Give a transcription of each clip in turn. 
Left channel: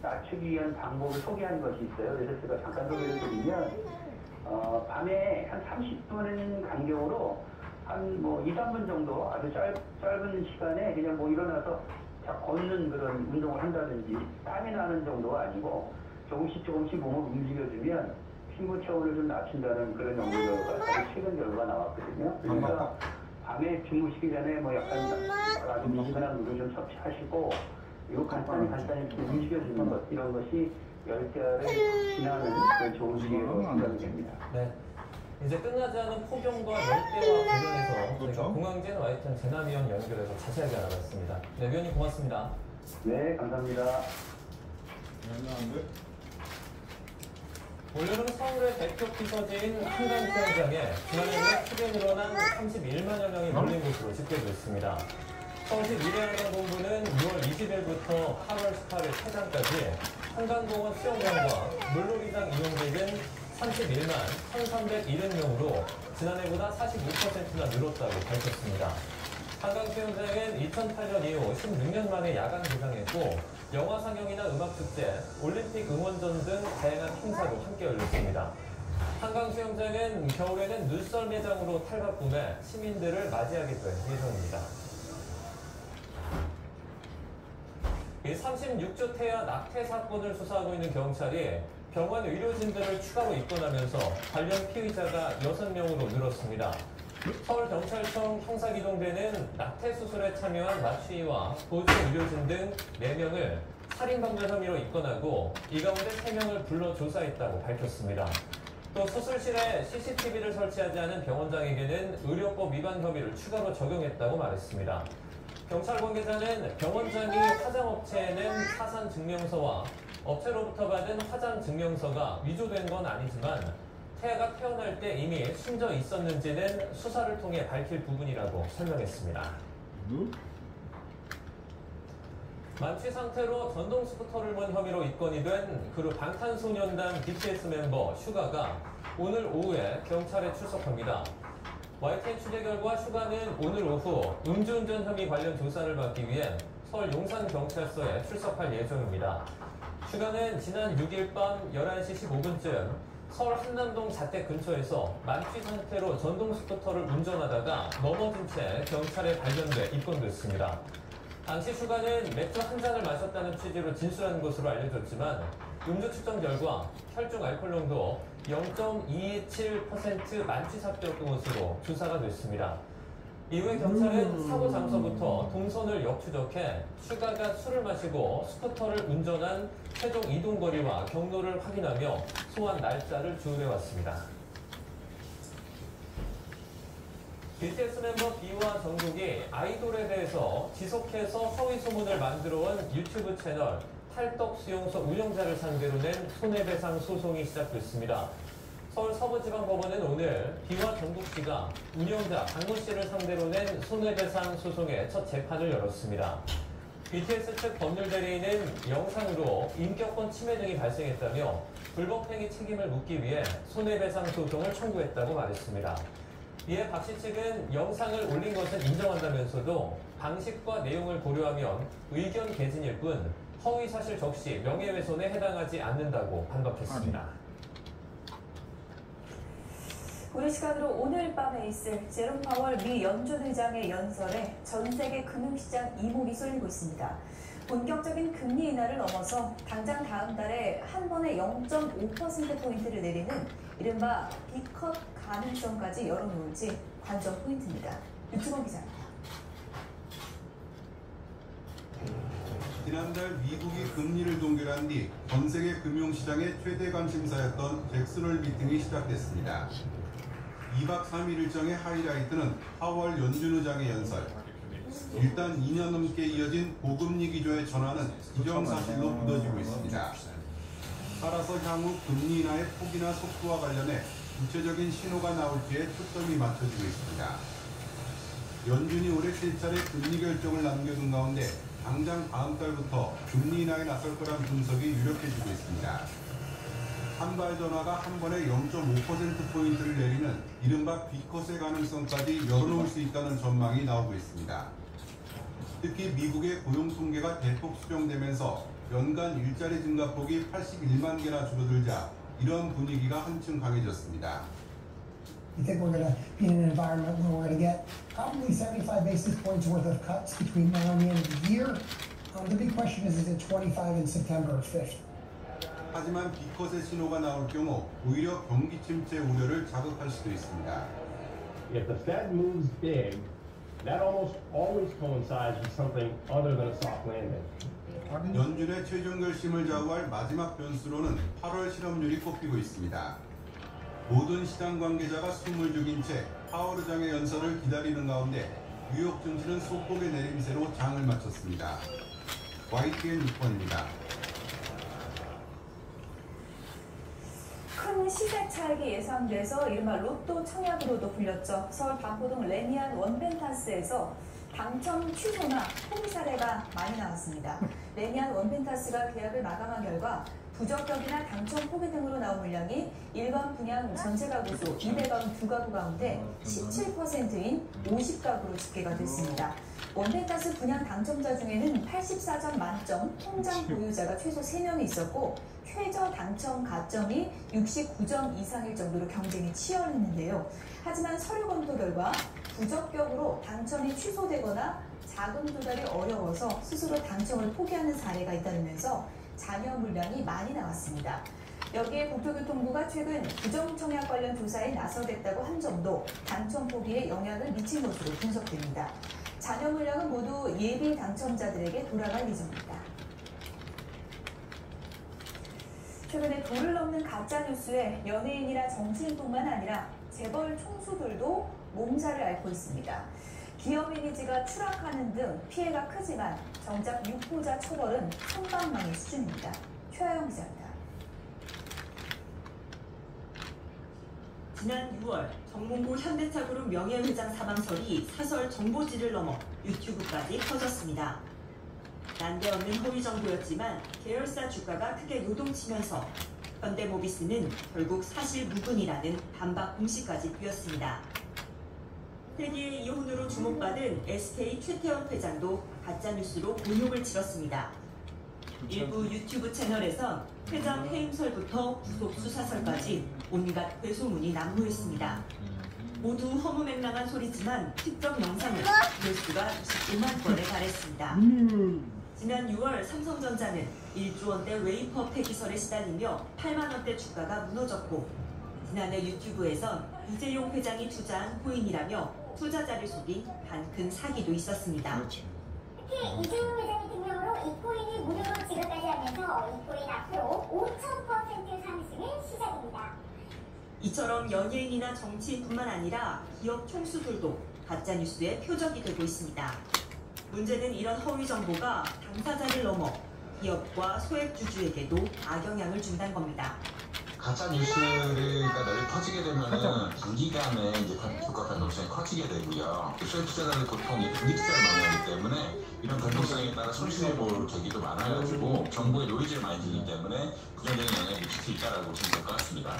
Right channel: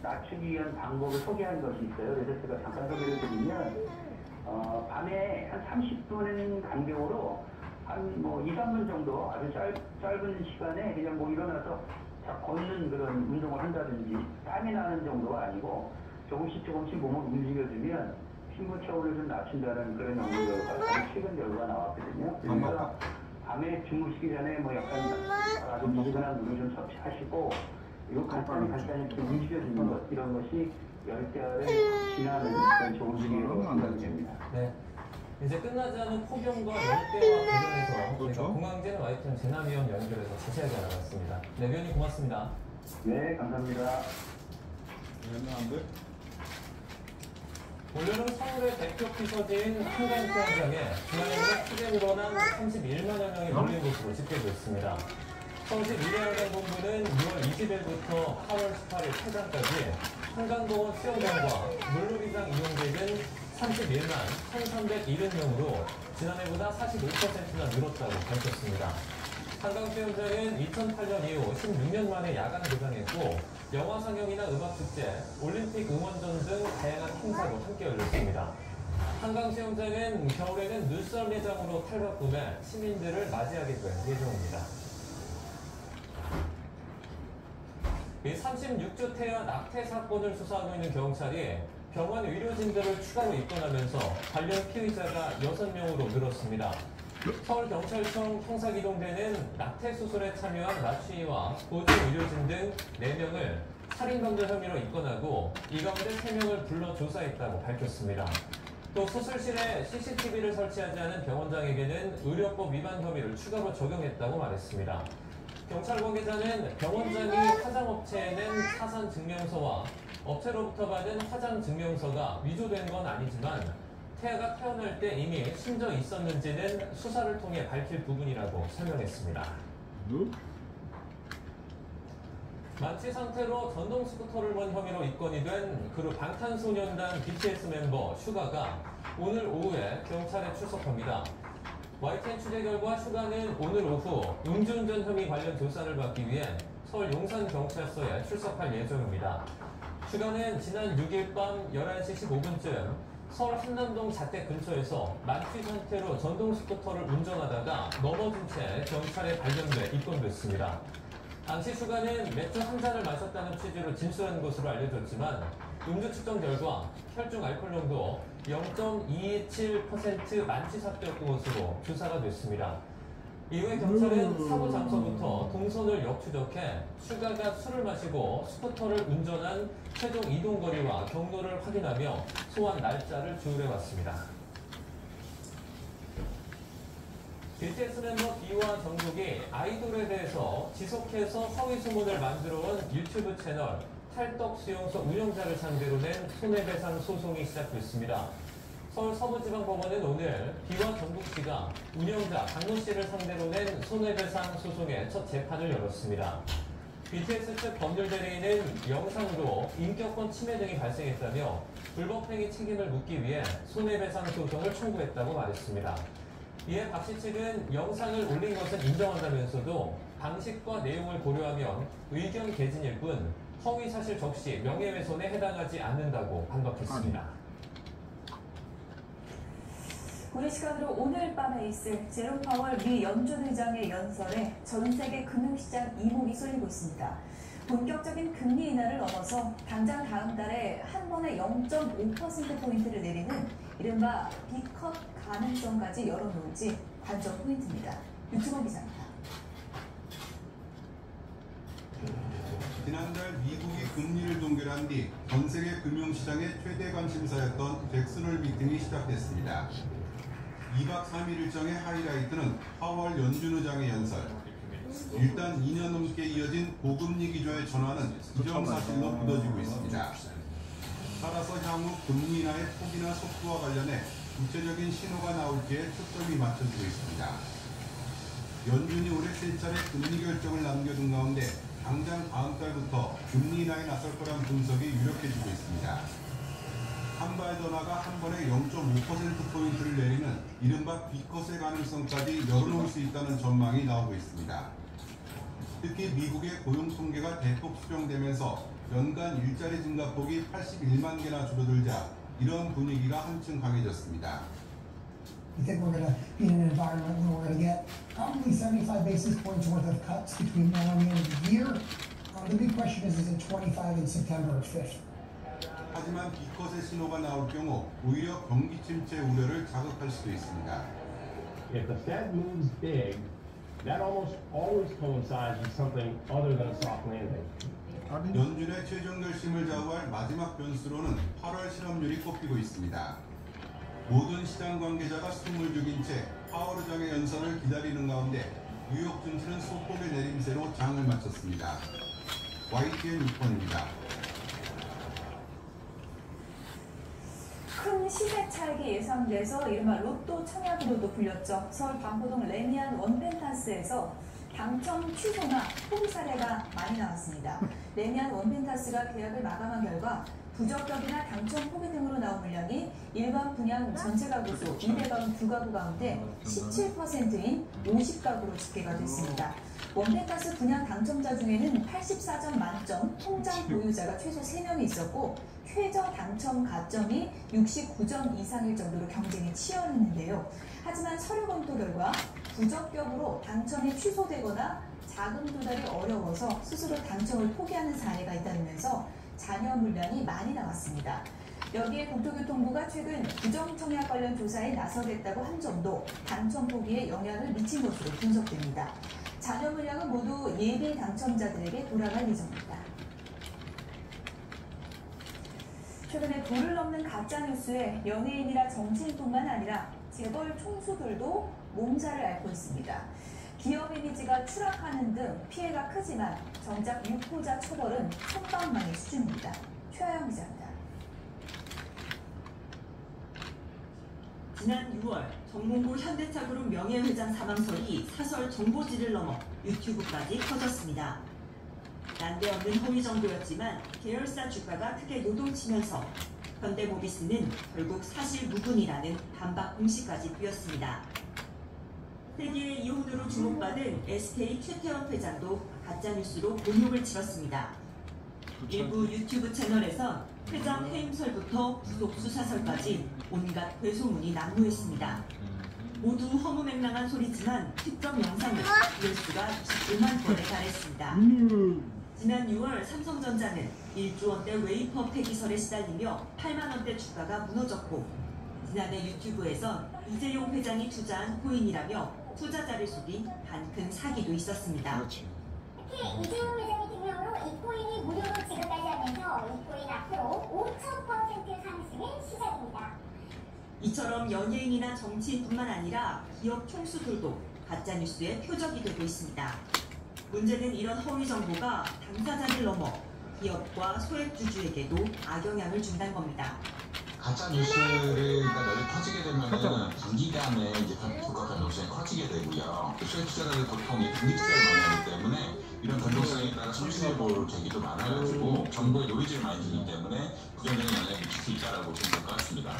낮추기 위한 방법을 소개한 것이 있어요. 그래서 제가 잠깐 소개를 드리면, 밤에 한 30분 간격으로 한 2, 3분 정도 아주 짧은 시간에 그냥 일어나서 걷는 그런 운동을 한다든지, 땀이 나는 정도가 아니고 조금씩 몸을 움직여주면 피부 체온을 좀 낮춘다는 그런 연구가 최근 결과가 나왔거든요. 그래서 밤에 주무시기 전에 약간 아주 미지근한 물을 좀 섭취하시고, 요 간단히 이렇게 움직여주는 것, 이런 것이 열대야를 지나는 그런 좋은 기회로 생각이 됩니다. 네. 이제 끝나지 않은 폭염과 열대와 관련해서 저희가 공황진 와이튼 재난위험 연결해서 자세하게 알아봤습니다. 네, 위원님 고맙습니다. 네, 감사합니다. 원래는 서울의 대표 피서지인 한강수영장에 지난해보다 크게 늘어난 31만여 명이 몰린 것으로 집계됐습니다. 서울시 미래환경본부는 6월 20일부터 8월 18일 퇴장까지 한강공원 수영장과 물놀이장 이용객은 31만 1,370명으로 지난해보다 41%나 늘었다고 밝혔습니다. 한강수영장은 2008년 이후 16년 만에 야간 개장했고 영화 상영이나 음악축제, 올림픽 응원전 등 다양한 행사도 함께 열렸습니다. 한강수영장은 겨울에는 눈썰 매장으로 탈바꿈해 시민들을 맞이하게 될 예정입니다. 36주 태아 낙태 사건을 수사하고 있는 경찰이 병원 의료진들을 추가로 입건하면서 관련 피의자가 6명으로 늘었습니다. 서울경찰청 형사기동대는 낙태 수술에 참여한 마취의와 보조 의료진 등 4명을 살인방조 혐의로 입건하고 이 가운데 3명을 불러 조사했다고 밝혔습니다. 또 수술실에 CCTV를 설치하지 않은 병원장에게는 의료법 위반 혐의를 추가로 적용했다고 말했습니다. 경찰 관계자는 병원장이 화장업체에 낸 사산증명서와 업체로부터 받은 화장증명서가 위조된 건 아니지만 태아가 태어날 때 이미 숨져 있었는지는 수사를 통해 밝힐 부분이라고 설명했습니다. 만취 상태로 전동 스쿠터를 몬 혐의로 입건이 된 그룹 방탄소년단 BTS 멤버 슈가가 오늘 오후에 경찰에 출석합니다. YTN 취재 결과 슈가는 오늘 오후 음주운전 혐의 관련 조사를 받기 위해 서울 용산경찰서에 출석할 예정입니다. 슈가는 지난 6일 밤 11시 15분쯤 서울 한남동 자택 근처에서 만취 상태로 전동 스쿠터를 운전하다가 넘어진 채 경찰에 발견돼 입건됐습니다. 당시 슈가는 맥주 한 잔을 마셨다는 취지로 진술한 것으로 알려졌지만 음주 측정 결과 혈중 알코올농도 0.227% 만취 상태였던 것으로 조사가 됐습니다. 이후에 경찰은 사고 장소부터 동선을 역추적해 슈가가 술을 마시고 스쿠터를 운전한 최종 이동거리와 경로를 확인하며 소환 날짜를 조회해왔습니다. BTS 멤버 B와 정국이 아이돌에 대해서 지속해서 허위 소문을 만들어온 유튜브 채널 탈덕수용소 운영자를 상대로 낸 손해배상 소송이 시작됐습니다. 서울 서부지방법원은 오늘 B와 정국 씨가 운영자 강모 씨를 상대로 낸 손해배상 소송의 첫 재판을 열었습니다. BTS 측 법률대리인은 영상으로 인격권 침해 등이 발생했다며 불법행위 책임을 묻기 위해 손해배상 소송을 청구했다고 말했습니다. 이에 박 씨 측은 영상을 올린 것은 인정한다면서도 방식과 내용을 고려하면 의견 개진일 뿐 허위사실 적시 명예훼손에 해당하지 않는다고 반박했습니다. 우리 시간으로 오늘 밤에 있을 제롬 파월 미 연준의장의 연설에 전 세계 금융시장 이목이 쏠리고 있습니다. 본격적인 금리 인하를 넘어서 당장 다음 달에 한 번에 0.5%포인트를 내리는 이른바 B컷 가능성까지 열어놓을지 관전 포인트입니다. 유치원 기자입니다. 지난달 미국이 금리를 동결한 뒤 전 세계 금융시장의 최대 관심사였던 잭슨홀 미팅이 시작됐습니다. 2박 3일 일정의 하이라이트는 파월 연준 의장의 연설. 일단 2년 넘게 이어진 고금리 기조의 전환은 기정사실로 믿어지고 있습니다. 따라서 향후 금리 인하의 폭이나 속도와 관련해 구체적인 신호가 나올지에 초점이 맞춰지고 있습니다. 연준이 올해 3차례 금리 결정을 남겨둔 가운데 당장 다음 달부터 금리 인하에 나설 거란 분석이 유력해지고 있습니다. 한 발 더 나가 한 번에 0.5%포인트를 내리는 이른바 B컷의 가능성까지 열어놓을 수 있다는 전망이 나오고 있습니다. 특히 미국의 고용 통계가 대폭 수정되면서 연간 일자리 증가폭이 81만 개나 줄어들자 이런 분위기가 한층 강해졌습니다. We think we're going to be in an environment where we're going to get probably 75 basis points worth of cuts between now and the end of the year. The big question is it 25 in September or 5th? 하지만 기컷의 신호가 나올 경우 오히려 경기 침체 우려를 자극할 수도 있습니다. If the Fed moves big, that almost always coincides with something other than a soft landing. 연준의 최종 결심을 좌우할 마지막 변수로는 8월 실업률이 꼽히고 있습니다. 모든 시장 관계자가 숨을 죽인 채 파월 의장의 연설을 기다리는 가운데 뉴욕 증시는 소폭의 내림세로 장을 마쳤습니다. YTN 6번입니다. 큰 시세 차익이 예상돼서 이른바 로또 청약으로도 불렸죠. 서울 반포동 레미안 원펜타스에서 당첨 취소나 포기 사례가 많이 나왔습니다. 레미안 원펜타스가 계약을 마감한 결과 부적격이나 당첨 포기 등으로 나온 물량이 일반 분양 전체 가구 수 292가구 가운데 17%인 50가구로 집계가 됐습니다. 원펜타스 분양 당첨자 중에는 84점 만점 통장 보유자가 최소 3명이 있었고 최저 당첨 가점이 69점 이상일 정도로 경쟁이 치열했는데요. 하지만 서류 검토 결과 부적격으로 당첨이 취소되거나 자금 조달이 어려워서 스스로 당첨을 포기하는 사례가 있다면서 잔여 물량이 많이 나왔습니다. 여기에 국토교통부가 최근 부정청약 관련 조사에 나서겠다고 한 점도 당첨 포기에 영향을 미친 것으로 분석됩니다. 잔여 물량은 모두 예비 당첨자들에게 돌아갈 예정입니다. 최근에 도를 넘는 가짜뉴스에 연예인이나 정치인뿐만 아니라 재벌 총수들도 몸살을 앓고 있습니다. 기업 이미지가 추락하는 등 피해가 크지만 정작 유포자 처벌은 선방망이 수준입니다. 최하영 기자입니다. 지난 6월 정몽구 현대차그룹 명예회장 사망설이 사설 정보지를 넘어 유튜브까지 퍼졌습니다. 난데없는 허위 정보였지만 계열사 주가가 크게 요동치면서 현대모비스는 결국 사실 무근이라는 반박 공시까지 뿌렸습니다. 세기의 이혼으로 주목받은 SK 최태원 회장도 가짜뉴스로 곤욕을 치렀습니다. 일부 유튜브 채널에선 회장 해임설부터 구속 수사설까지 온갖 괴소문이 난무했습니다. 모두 허무맹랑한 소리지만 특정 영상은 조회수가 21만 건에 달했습니다. 지난 6월 삼성전자는 1조 원대 웨이퍼 폐기설에 시달리며 8만 원대 주가가 무너졌고 지난해 유튜브에선 이재용 회장이 투자한 코인이라며 투자자를 속인 한큰 사기도 있었습니다. 특히 이재용 회장의 등명으로 이 코인이 무료로 지급까지 하면서 이 코인 앞으로 5,000% 상승의 시작입니다. 이처럼 연예인이나 정치인뿐만 아니라 기업 총수들도 가짜뉴스의 표적이 되고 있습니다. 문제는 이런 허위 정보가 당사자를 넘어 기업과 소액주주에게도 악영향을 준다는 겁니다. 가짜 뉴스가 널리 퍼지게 되면 단기간에 이제 주가 변동성이 커지게 되고요. 소액 투자자들 보통 단기 투자를 많이 하기 때문에 이런 변동성에 따라 손실을 볼 계기도 많아가지고 정보에 노이즈를 많이 들기 때문에 부정적인 영향을 미칠 수 있다고 생각할 것 같습니다.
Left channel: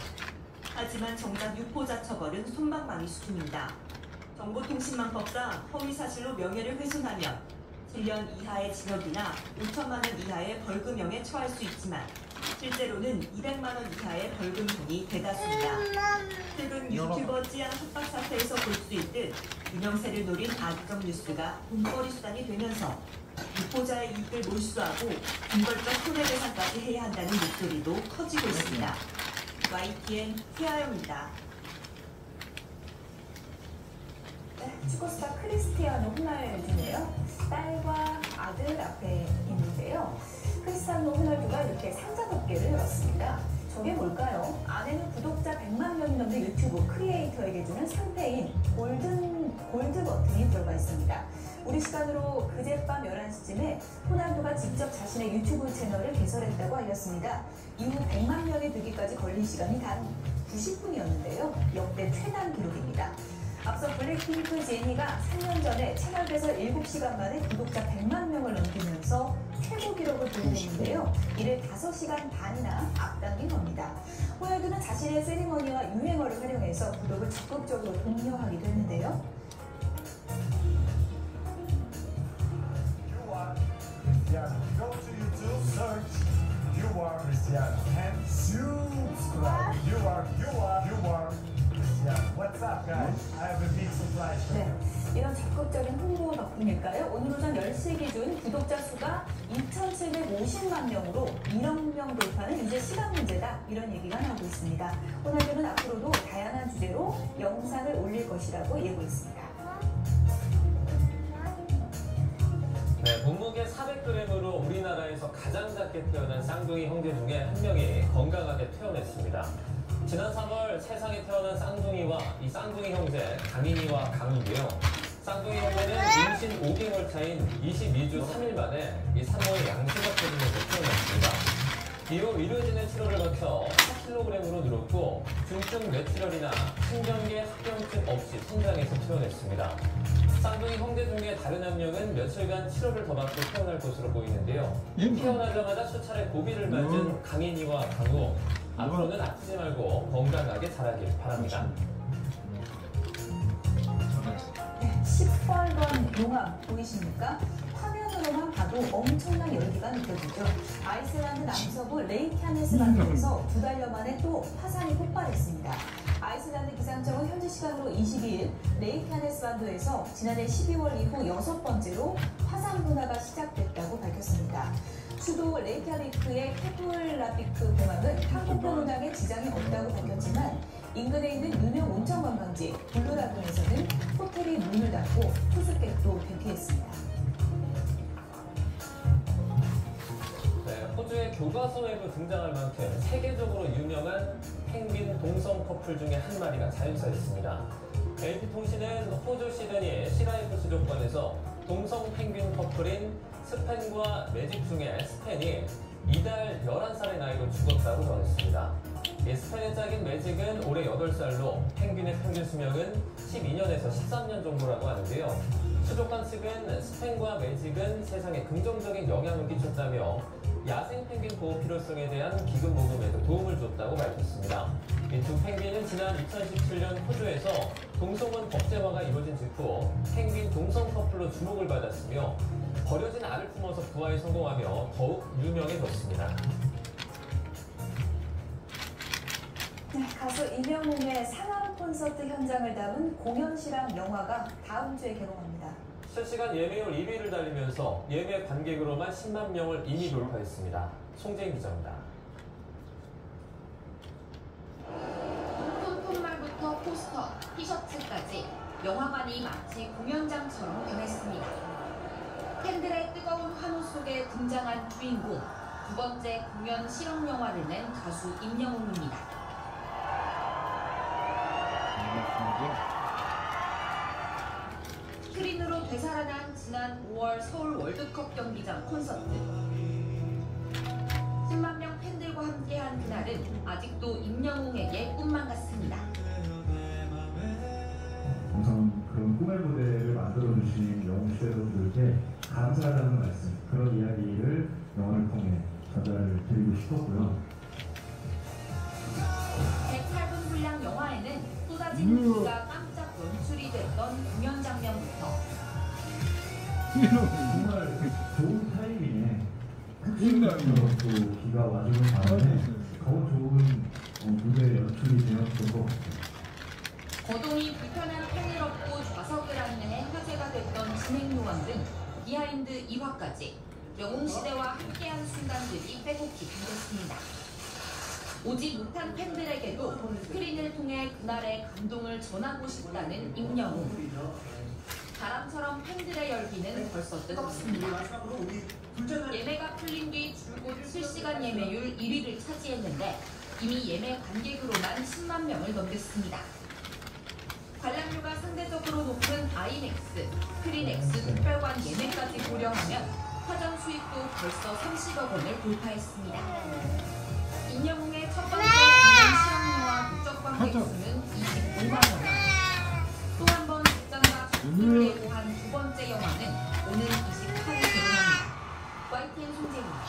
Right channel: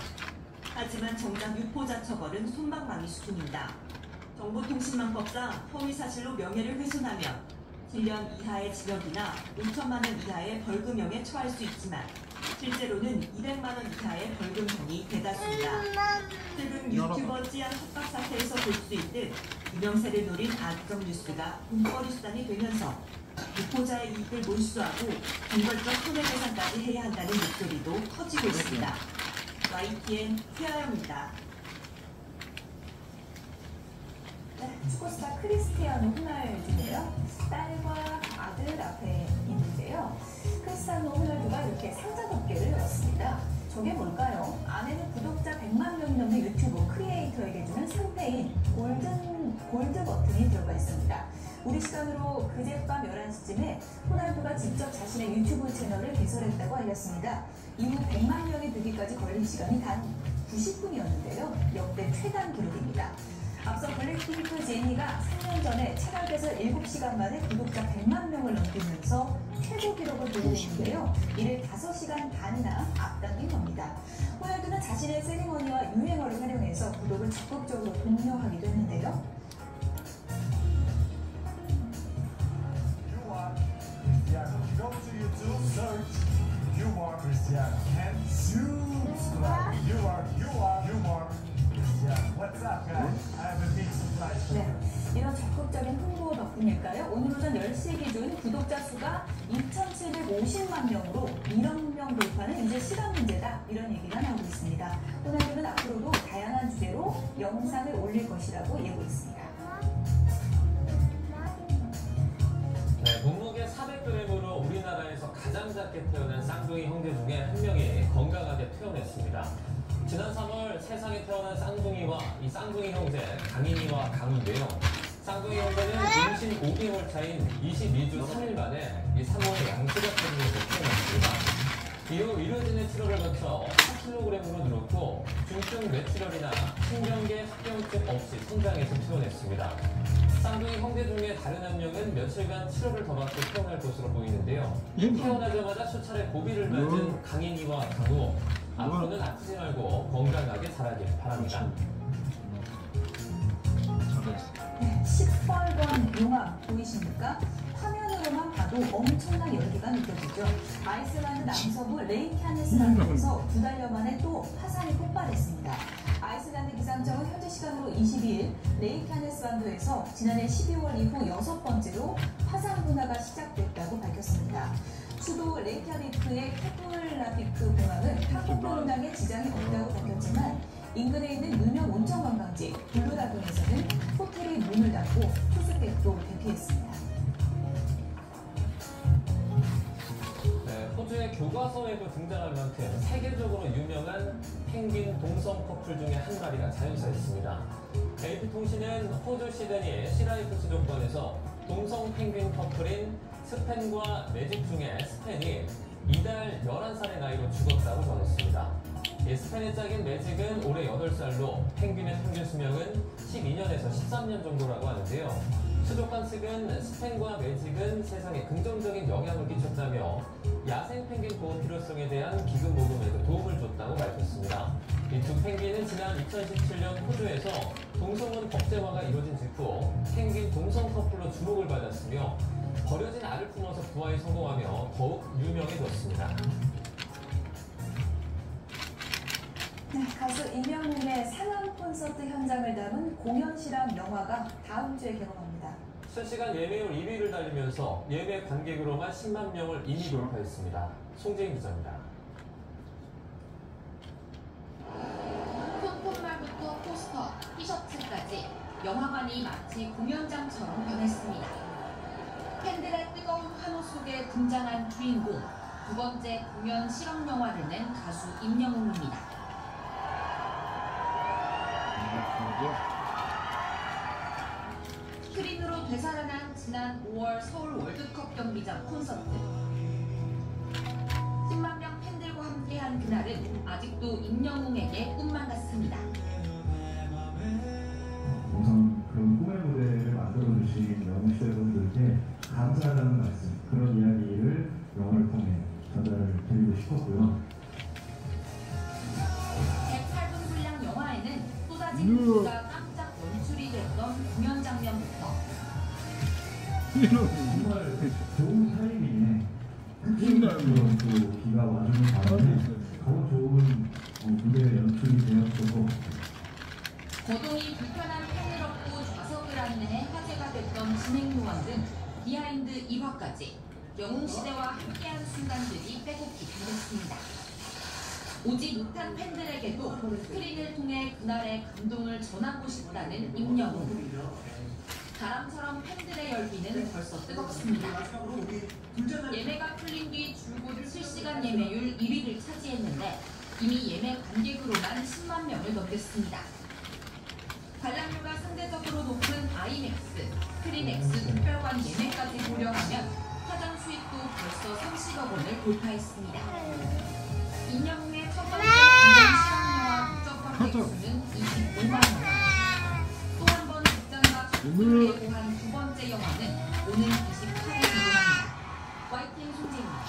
하지만 정작 유포자 처벌은 솜방망이 수준입니다. 정보통신망법상 허위 사실로 명예를 훼손하면 7년 이하의 징역이나 5천만 원 이하의 벌금형에 처할 수 있지만 실제로는 200만 원 이하의 벌금형이 대다수입니다. 최근 유튜버 찌양 협박 사태에서 볼 수 있듯 유명세를 노린 악성 뉴스가 돈벌이 수단이 되면서 유포자의 이익을 몰수하고 근본적 손해배상까지 해야 한다는 목소리도 커지고 있습니다. YTN 최하영입니다. 축구스타 크리스티아노 호날두인데요. 딸과 아들 앞에 있는데요. 크리스티아노 호날두가 이렇게 상자 덮개를 열었습니다. 저게 뭘까요? 안에는 구독자 100만 명이 넘는 유튜브 크리에이터에게 주는 상패인 골드 버튼이 들어가 있습니다. 우리 시간으로 그젯밤 11시쯤에 호날두가 직접 자신의 유튜브 채널을 개설했다고 알렸습니다. 이후 100만 명이 되기까지 걸린 시간이 단 90분이었는데요. 역대 최단 기록입니다. 앞서 블랙핑크 제니가 3년 전에 채널 개설 7시간 만에 구독자 100만 명을 넘기면서 최고 기록을 보여줬는데요. 이를 5시간 반이나 앞당긴 겁니다. 호날두는 자신의 세리머니와 유행어를 활용해서 구독을 적극적으로 독려하기도 했는데요. Yeah, Go to YouTube, search You Are Cristiano and subscribe. You are Cristiano. What's up, guys? I have a big surprise for you. 이런 적극적인 홍보 덕분일까요? 오늘 오전 10시 기준 구독자 수가 2,750만 명으로 2억 명 돌파는 이제 시간 문제다, 이런 얘기가 나오고 있습니다. 호날두는 앞으로도 다양한 주제로 영상을 올릴 것이라고 예고했습니다. 네, 몸무게 400g으로 우리나라에서 가장 작게 태어난 쌍둥이 형제 중에 한 명이 건강하게 퇴원했습니다. 지난 3월 세상에 태어난 쌍둥이와 이 쌍둥이 형제 강인이와 강우인데요. 쌍둥이 형제는 임신 5개월 차인 22주 3일 만에 이 산모의 양수가 터지면서 태어났습니다. 이후 의료진의 치료를 거쳐 4kg으로 늘었고 중증 뇌출혈이나 신경계 합병증 없이 성장해서 퇴원했습니다. 쌍둥이 형제 중에 다른 한 명은 며칠간 치료를 더 받고 태어날 것으로 보이는데요. 태어나자마자 수차례 고비를 맞은 강인이와 강우, 앞으로는 아프지 말고 건강하게 자라길 바랍니다. 10번번 용암 보이십니까? 화면으로만 봐도 엄청난 열기가 느껴지죠. 아이슬란드 남서부 레이캬네스 반도에서 2달여 만에 또 화산이 폭발했습니다. 아이슬란드 기상청은 현지 시간으로 22일 레이캬네스 반도에서 지난해 12월 이후 6번째로 화산 분화가 시작됐다고 밝혔습니다. 수도 레이캬비크의 케플라비크 공항은 항공편 운항에 지장이 없다고 밝혔지만 인근에 있는 유명 온천 관광지 블루라군에서는 호텔이 문을 닫고 투숙객도 대피했습니다. 네, 호주의 교과서에도 등장할 만큼 세계적으로 유명한 펭귄 동성 커플 중에 한 마리가 자연사했습니다. AP통신은 호주 시드니 시라이프 수족관에서 동성 펭귄 커플인 스펜과 매직 중에 스펜이 이달 11살의 나이로 죽었다고 전했습니다. 스펜의 짝인 매직은 올해 8살로 펭귄의 평균 수명은 12년에서 13년 정도라고 하는데요. 수족관 측은 스펜과 매직은 세상에 긍정적인 영향을 끼쳤다며 야생 펭귄 보호 필요성에 대한 기금 모금에도 도움을 줬다고 밝혔습니다. 이 두 펭귄은 지난 2017년 호주에서 동성혼 법제화가 이루어진 직후 펭귄 동성 커플로 주목을 받았으며 버려진 알을 품어서 부화에 성공하며 더욱 유명해졌습니다. 네, 가수 임영웅의 상암 콘서트 현장을 담은 공연 실황 영화가 다음 주에 개봉합니다. 실시간 예매율 1위를 달리면서 예매 관객으로만 10만 명을 이미 돌파했습니다. 송재인 기자입니다. 폰말부터 포스터, 티셔츠까지 영화관이 마치 공연장처럼 변했습니다. 팬들의 뜨거운 환호 속에 등장한 주인공, 두 번째 공연 실황 영화를 낸 가수 임영웅입니다. 스크린으로 되살아난 지난 5월 서울 월드컵 경기장 콘서트. 10만 명 팬들과 함께한 그날은 아직도 임영웅에게 꿈만 같습니다. 우선 그런 꿈의 무대를 만들어주신 영웅 여러분들께 감사하다는 말씀, 그런 이야기를 영화를 통해 전달을 드리고 싶었고요. 108분 분량 영화에는 쏟아진 비가 깜짝 연출이 됐던 공연 장면부터 정말 좋은 타이밍에 흑심감으로 또 비가 와주는 바람에 더 좋은 무대 연출이 되었던 것 같아요. 거동이 불편한 팬을 업고 좌석을 안내 화제가 됐던 진행 요원 등 비하인드 1화까지 영웅시대와 함께한 순간들이 빼곡히 담겼습니다. 오지 못한 팬들에게도 스크린을 통해 그날의 감동을 전하고 싶다는 임영웅. 바람처럼 팬들의 열기는 벌써 뜨겁습니다. 예매가 풀린 뒤 줄곧 실시간 예매율 1위를 차지했는데 이미 예매 관객으로만 10만 명을 넘겼습니다. 관람료가 상대적으로 높은 아이맥스, 스크린X 특별관 예매까지 고려하면 사전 수익도 벌써 30억 원을 돌파했습니다. 임영웅의 첫 번째 공연 실황영화 국적 관객 수는 25만 원. 또 한 번 극장과 전투를 예고한 두 번째 영화는 오늘 28일 개봉합니다. YTN 송재입니다.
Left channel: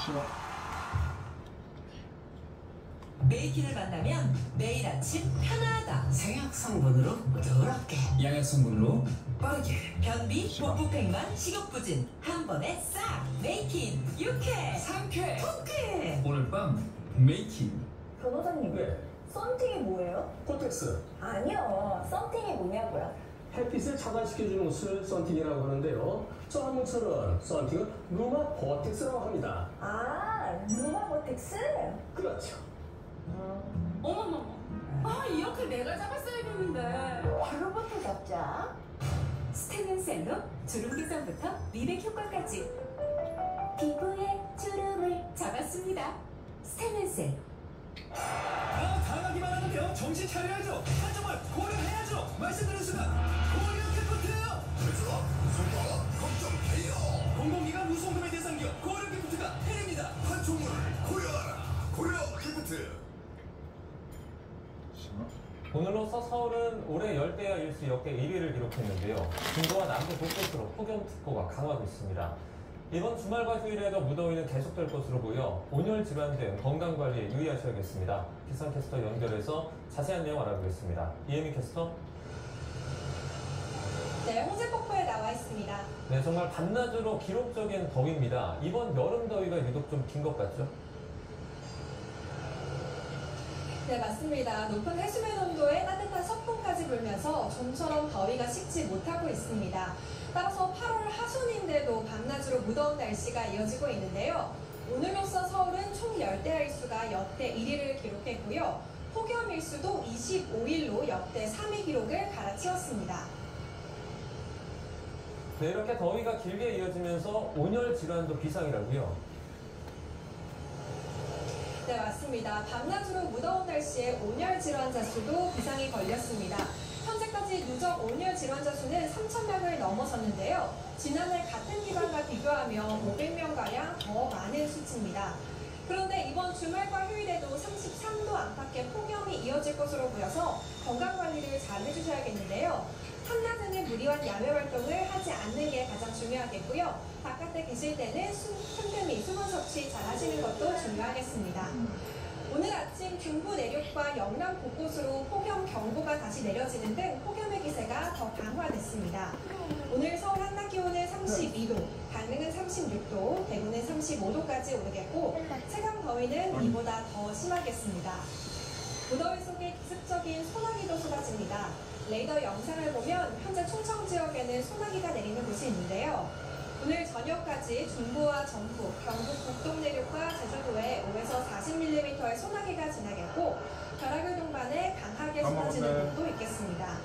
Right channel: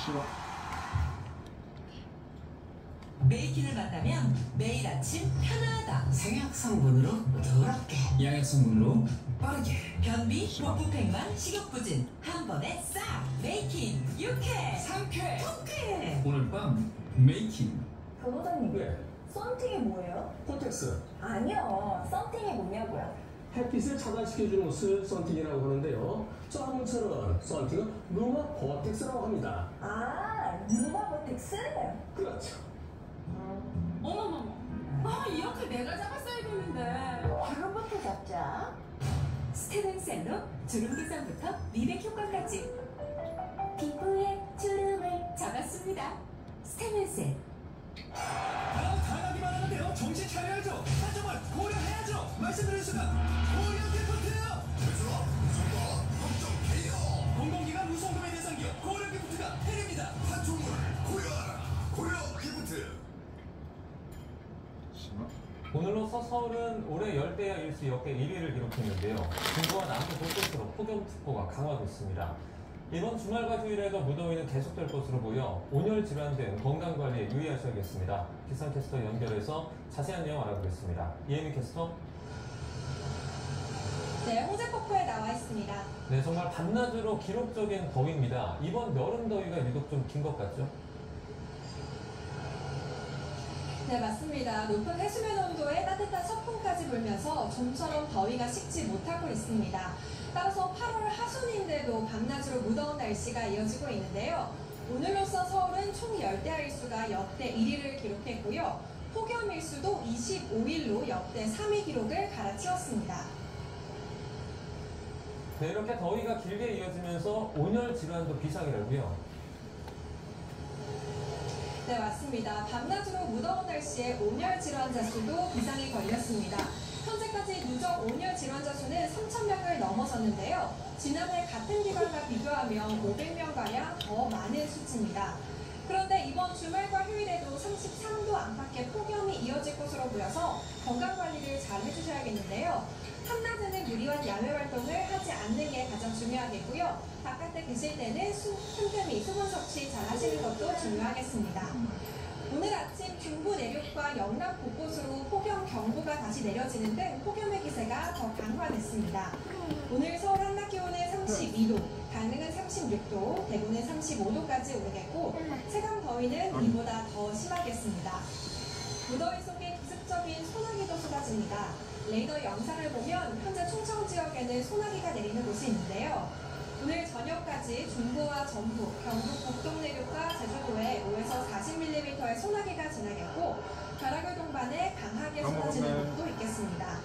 메이킨을 만나면 매일 아침 편하다. 생약 성분으로 부드럽게, 양액 성분으로 빠르게. 변비, 복부팽만, 식욕부진 한 번에 싹. 메이킨 유쾌 상쾌, 통쾌. 오늘 밤 메이킹. 변호사님, 네. 썬팅이 뭐예요? 코텍스. 아니요, 썬팅이 뭐냐고요? 햇빛을 차단시켜주는 옷을 썬팅이라고 하는데요. 저 한문처럼 썬팅은 루마 버텍스라고 합니다. 아, 루마버텍스? 그렇죠. 어머머. 아, 이렇게 내가 잡았어야 되는데. 바로부터 잡자. 스테는셀로 주름 개선부터 미백 효과까지 피부에 주름을 잡았습니다. 스테는셀. 당하기만 하는데요. 정신 차려야죠. 한점을 고려해야죠. 말씀드린 순간 고려 기프트예요. 제주와 무송과 걱정 해요. 공공기관 무송금의 대상기업 고려 기프트가 해냅니다. 한총을 고려하라. 고려 기프트. 오늘로서 서울은 올해 열대야 일수 역대 1위를 기록했는데요. 중부와 남부 곳곳으로 폭염특보가 강화됐습니다. 이번 주말과 휴일에도 무더위는 계속될 것으로 보여 온열 질환 등 건강관리에 유의하셔야겠습니다. 기상캐스터 연결해서 자세한 내용 알아보겠습니다. 이혜미 캐스터. 네, 홍제폭포에 나와 있습니다. 네, 정말 밤낮으로 기록적인 더위입니다. 이번 여름 더위가 유독 좀 긴 것 같죠? 네, 맞습니다. 높은 해수면 온도에 따뜻한 서풍까지 불면서 좀처럼 더위가 식지 못하고 있습니다. 따라서 8월 하순인데도 밤낮으로 무더운 날씨가 이어지고 있는데요. 오늘로써 서울은 총 열대야일수가 역대 1위를 기록했고요. 폭염일수도 25일로 역대 3위 기록을 갈아치웠습니다. 네, 이렇게 더위가 길게 이어지면서 온열 질환도 비상이라고요? 네, 맞습니다. 밤낮으로 무더운 날씨에 온열 질환자 수도 비상이 걸렸습니다. 현재까지 누적 온열 질환자 수는 3,000명을 넘어섰는데요. 지난해 같은 기간과 비교하면 500명가량 더 많은 수치입니다. 그런데 이번 주말과 휴일에도 33도 안팎의 폭염이 이어질 것으로 보여서 건강관리를 잘 해주셔야겠는데요. 한낮에는 무리한 야외활동을 하지 않는 게 가장 중요하겠고요. 바깥에 계실 때는 틈틈이 수분 섭취 잘 하시는 것도 중요하겠습니다. 오늘 아침 중부 내륙과 영남 곳곳으로 폭염 경보가 다시 내려지는 등 폭염의 기세가 더 강화됐습니다. 오늘 서울 한낮 기온은 32도, 강릉은 36도, 대구는 35도까지 오르겠고 체감 더위는 이보다 더 심하겠습니다. 무더위 속에 기습적인 소나기도 쏟아집니다. 레이더 영상을 보면 현재 충청 지역에는 소나기가 내리는 곳이 있는데요. 오늘 저녁까지 중부와 전북, 경북 북동 내륙과 제주도에 5에서 40mm의 소나기가 지나겠고 벼락을 동반해 강하게 쏟아지는 곳도 있겠습니다.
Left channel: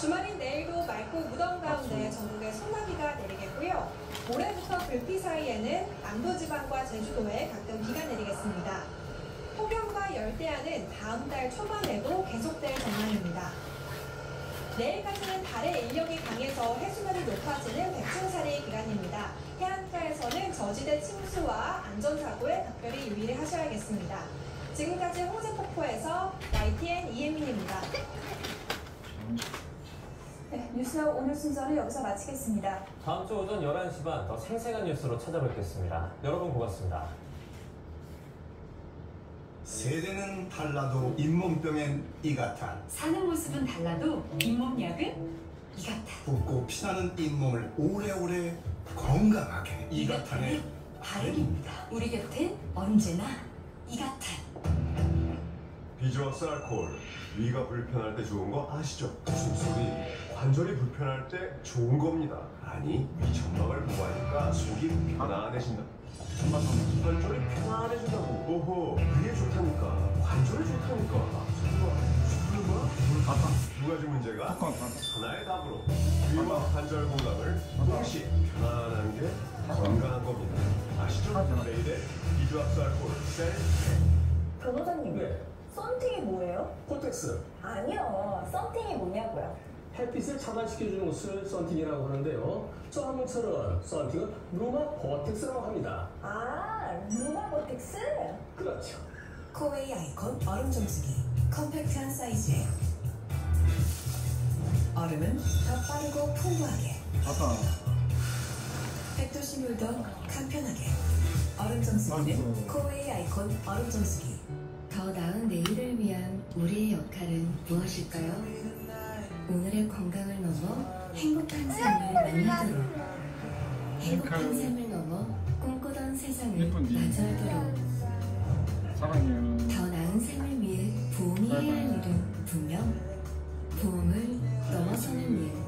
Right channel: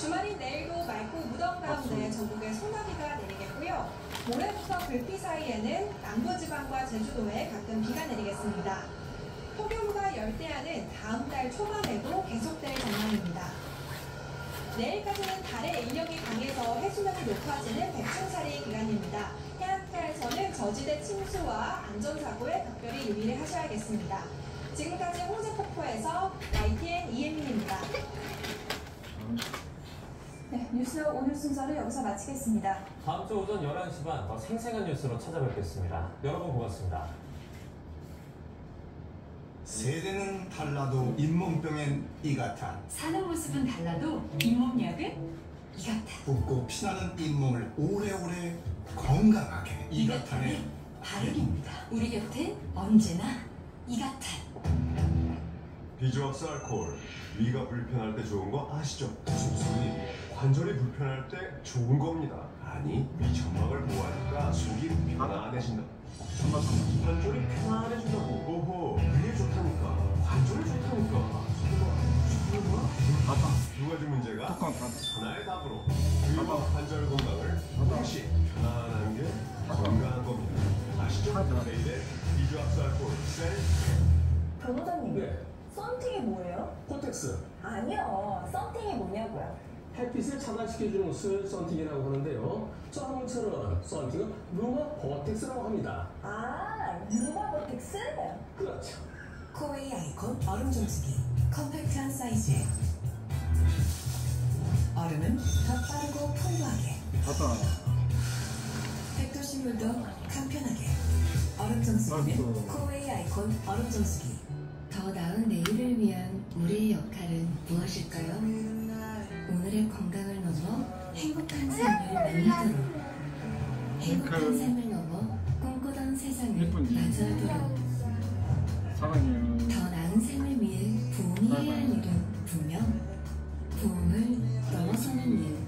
주말인 내일도 맑고 무더운 가운데 전국에 소나기가 내리겠고요. 모레부터 불피 사이에는 남부지방과 제주도에 가끔 비가 내리겠습니다. 폭염과 열대야는 다음 달 초반에도 계속될 전망입니다. 내일까지는 달의 인력이 강해서 해수면이 높아지는 백중살이 기간입니다. 해안가에서는 저지대 침수와 안전사고에 각별히 유의를 하셔야겠습니다. 지금까지 홍제폭포에서 YTN 이혜민입니다. 네, 뉴스업 오늘 순서를 여기서 마치겠습니다. 다음 주 오전 11시 반 더 생생한 뉴스로 찾아뵙겠습니다. 여러분 고맙습니다. 세대는 달라도 잇몸병엔 이가탄. 사는 모습은 달라도 잇몸약은 이가탄. 붓고 피나는 잇몸을 오래오래 건강하게 이가탄의 바르입니다. 우리 곁엔 언제나 이가탄. 비주얼스 알코올. 위가 불편할 때 좋은 거 아시죠? 속이 관절이 불편할 때 좋은 겁니다. 아니, 위 점막을 보호하니까 속이 편안해진다. 관절이 편안해진다고. 오호, 위에 좋다니까. 관절이 좋다니까. 두 가지 문제가 하나의 답으로 위와 관절 건강을 동시에 편안한 게 건강한 겁니다. 아시죠? 레이델 비주얼스 알코올 셀. 변호사님, 네. 썬팅이 뭐예요? 코텍스. 아니요, 썬팅이 뭐냐고요? 햇빛을 차단시켜주는 옷을 썬팅이라고 하는데요. 저 한문처럼 썬팅은 루마 버텍스라고 합니다. 아, 루마버텍스? 그렇죠. 코웨이 아이콘 얼음 정수기. 컴팩트한 사이즈에 얼음은 더 빠르고 풍부하게. 백도시 물도 간편하게. 얼음 정수기는 코웨이 아이콘 얼음 정수기. 더 나은 내일을 위한 우리의 역할은 무엇일까요? 오늘의 건강을 넘어 행복한 삶을 만나도록, 행복한 삶을 넘어 꿈꾸던 세상을 마주하도록, 더 나은 삶을 위해 부엉이 해야 할 일은 분명 부엉을 넘어서는 일.